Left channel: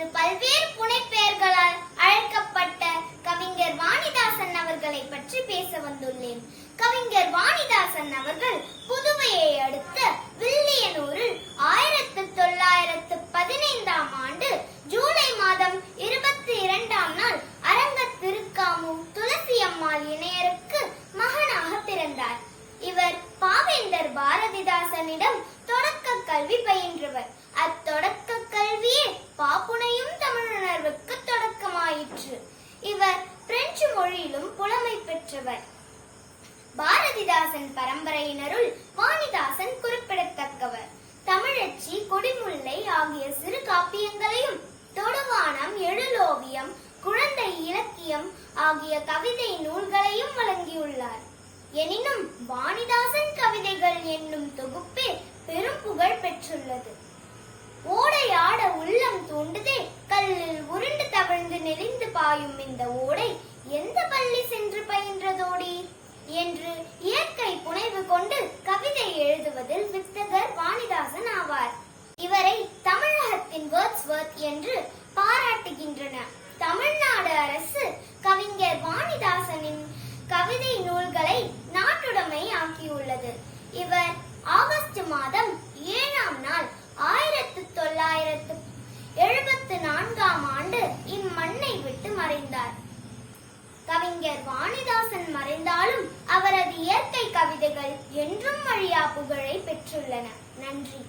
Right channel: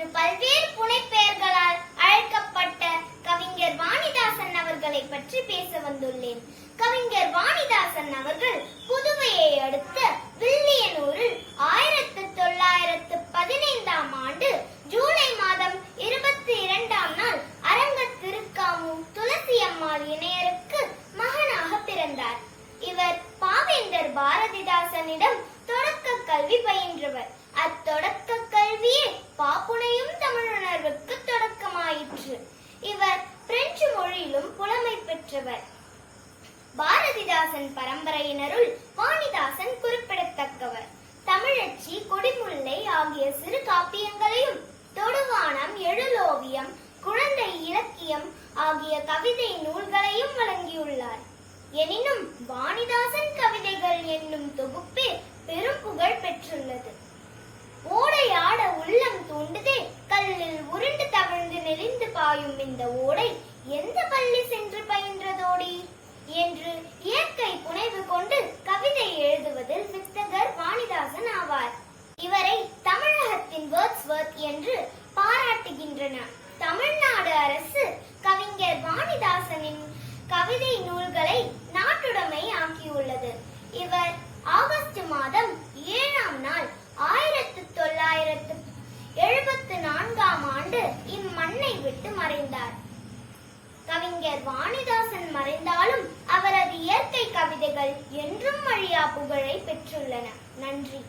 என்று பல்வேறு புனைப்பெயர்களால் அழைக்கப்பட்ட கவிஞர் வாணிதாசன் அவர்களை பற்றி பேச வந்துள்ளேன். கவிஞர் வாணிதாசன் அவர்கள் புதுவையை அடுத்த வில்லியனூரில் ஆயிரத்தி தொள்ளாயிரத்து பதினைந்தாம் ஆண்டு ஜூலை மாதம் இருபத்தி இரண்டாம் நாள் அரங்க திருக்காமும் துளசி அம்மாள் இணையருக்கு மகனாக பிறந்தார். இவர் பாவேந்தர் பாரதிதாசனிடம் தொடக்க கல்வி பயின்றவர். அத்தொடக்க கல்வியே பாப்புனை பெற்றவர். பாரதிதாசன் பரம்பரையினருள் வாணிதாசன் குறிப்பிடத்தக்கவர். தமிழச்சி கொடிமுல்லை ஆகிய சிறு காப்பியங்களையும் தொடுவானம் எழுலோவியம் குழந்தை இலக்கியம் ஆகிய கவிதை நூல்களையும் வழங்கியுள்ளார். எனினும் வாணிதாசன் கவிதைகள் என்னும் தொகுப்பே பெரும் புகழ் பெற்றுள்ளது. ஓடையாட உள்ளம் தூண்டுதே கல்லில் உருண்டு தவழ்ந்து நெளிந்து பாயும் இந்த ஓடை எந்த பள்ளி சென்று பயின்றதோடி? என்று இயற்கை புனைவு கொண்டு கவிதை எழுதுவதில் வித்தகர் வாணிதாசன் ஆவார். இவரை தமிழகத்தின் வேர்ட்ஸ்வர்த் என்று பாராட்டுகின்றன. தமிழ்நாடு அரசு கவிஞர் வாணிதாசனின் கவிதை நூல்களை நாட்டுடைமை ஆக்கியுள்ளது. இவர் ஆகஸ்ட் மாதம் ஏழாம் நாள் ஆயிரத்து தொள்ளாயிரத்து எழுபத்து நான்காம் ஆண்டு இம்மண்ணை விட்டு மறைந்தார். கவிஞர் வாணிதாசன் மறைந்தாலும் அவரது இயற்கை கவிதைகள் என்றும் அழியா புகழை பெற்றுள்ளன. நன்றி.